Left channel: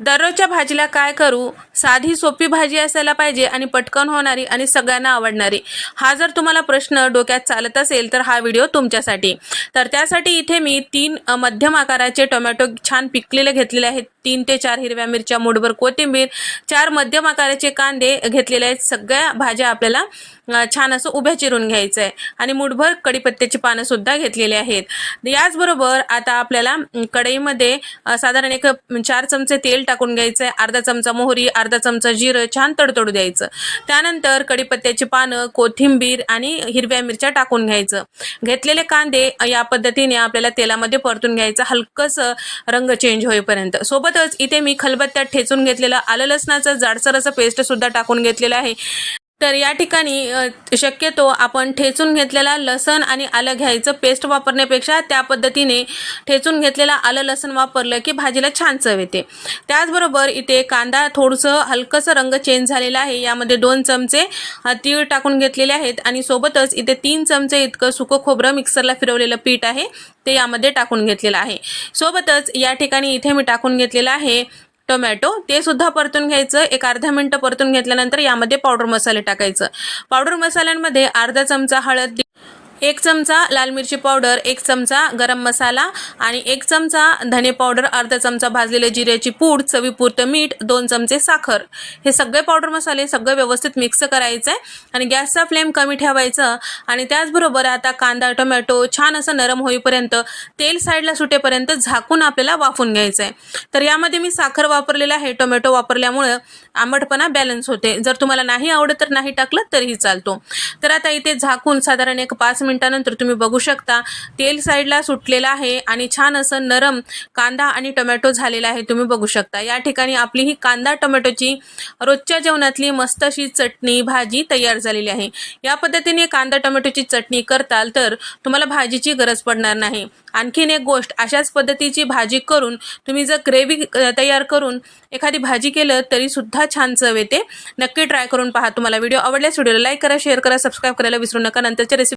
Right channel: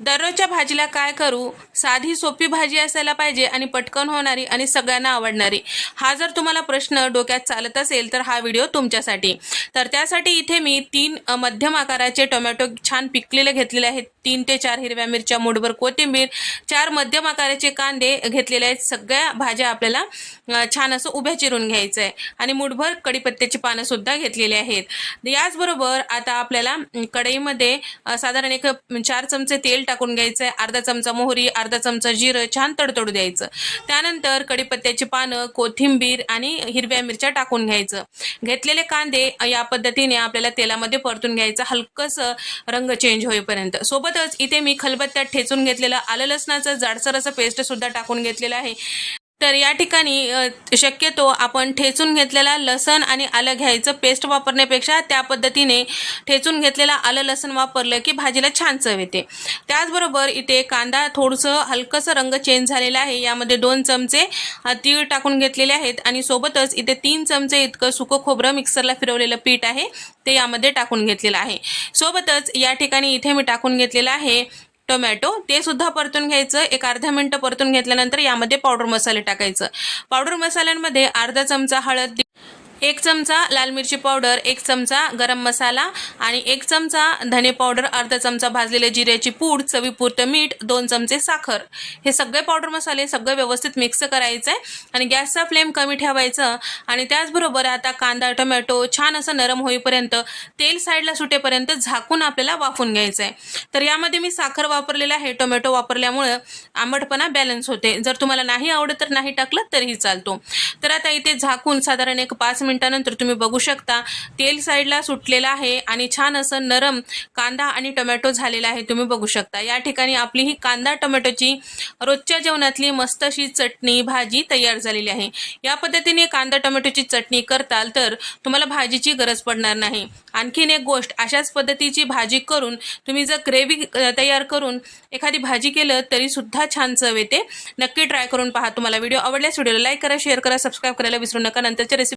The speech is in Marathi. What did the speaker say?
दररोजच्या भाजीला काय करू? साधी सोपी भाजी असायला पाहिजे आणि पटकन होणारी आणि सगळ्यांना आवडणारी. हा जर तुम्हाला प्रश्न डोक्यात चालत असेल तर हा व्हिडिओ तुमच्यासाठी. तर त्यासाठी इथे मी तीन मध्यम आकाराचे टोमॅटो छान पिकलेले घेतलेले आहेत. तीन ते चार हिरव्या मिरच्या मुठभर कोथिंबीर चार मध्यम आकाराचे कांदे घेतलेले आहेत. सगळ्या भाज्या आपल्याला छान असं उभ्या चिरून घ्यायचं आहे आणि मुठभर कढीपत्त्याची पानंसुद्धा घेतलेली आहेत. याचबरोबर आता आपल्याला कढईमध्ये साधारण एक चार चमचे तेल टाकून घ्यायचं आहे अर्धा चमचा मोहरी अर्धा चमचा जिरं छान तडतडू द्यायचं. त्यानंतर कढीपत्त्याची पानं कोथिंबीर आणि हिरव्या मिरच्या टाकून घ्यायचं. घेतलेले कांदे या पद्धतीने आपल्याला तेलामध्ये परतून घ्यायचं. हलकंसं रंग चेंज होईपर्यंत. सोबतच इथे मी खलबत्त्यात ठेचून घेतलेलं आलं लसणाचं जाडसर असं पेस्ट सुद्धा टाकून घेतलेलं आहे. तर या ठिकाणी शक्यतो आपण ठेचून घेतलेला लसण आणि आलं घ्यायचं पेस्ट वापरण्यापेक्षा त्या पद्धतीने ठेचून घेतलेला आलं लसण वापरलं की भाजीला छान चव येते. त्याचबरोबर इथे कांदा थोडंसं हलकंसं रंग चेंज झालेला आहे. यामध्ये दोन चमचे तीळ टाकून घेतलेले आहेत आणि सोबतच इथे तीन चमचे इतकं सुकं खोबरं मिक्सरला फिरवलेलं पीठ आहे. ते यामध्ये टाकून घेतलेलं आहे. सोबतच या ठिकाणी इथे मी टाकून घेतलेलं आहे टोमॅटो ते सुद्धा परतून घ्यायचं. एक अर्धा मिनटं परतून घेतल्यानंतर यामध्ये पावडर मसाले टाकायचं. पावडर मसाल्यांमध्ये अर्धा चमचा हळद एक चमचा लाल मिरची पावडर एक चमचा गरम मसाला आणि एक चमचा धने पावडर अर्धा चमचा भाजलेले जिऱ्याची पूड चवीपुरतं मीठ दोन चमचे साखर. हे सगळे पावडर मसाले सगळं व्यवस्थित मिक्स करायचं आहे आणि गॅसचा फ्लेम कमी ठेवायचं आणि त्याचबरोबर आता कांदा टोमॅटो छान असं नरम होईपर्यंत तेल साईडला सुटेपर्यंत झाकून आपल्याला वाफून घ्यायचं आहे तर यामध्ये मी साखर वापरलेला आहे टोमॅटो वापरल्यामुळं आंबटपणा बॅलन्स होते. जर तुम्हाला नाही आवडत तर नाही टाकलं तरीही चालतो. तर आता इथे झाकून साधारण एक पाच मिनिटानंतर तुम्ही बघू शकता. तेल साईडला सुटलेलं आहे आणि छान असं नरम कांदा आणि टोमॅटो झालेला आहे. तुम्ही बघू शकता. या ठिकाणी आपली ही कांदा टोमॅटोची रोजच्या जेवणातली मस्त अशी चटणी भाजी तयार झालेली आहे. या पद्धतीने कांदा टोमॅटोची चटणी करताल तर तुम्हाला भाजीची गरज पडणार नाही. आणखीन एक गोष्ट अशाच पद्धतीची भाजी करून तुम्ही जर ग्रेव्ही तयार करून एखादी भाजी केलं तरी सुद्धा छान चव येते. नक्की ट्राय करून पहा तुम्हाला. व्हिडिओ आवडल्यास व्हिडिओला लाईक करा शेअर करा सबस्क्राईब करायला विसरू नका. नंतरच्या रेसिपी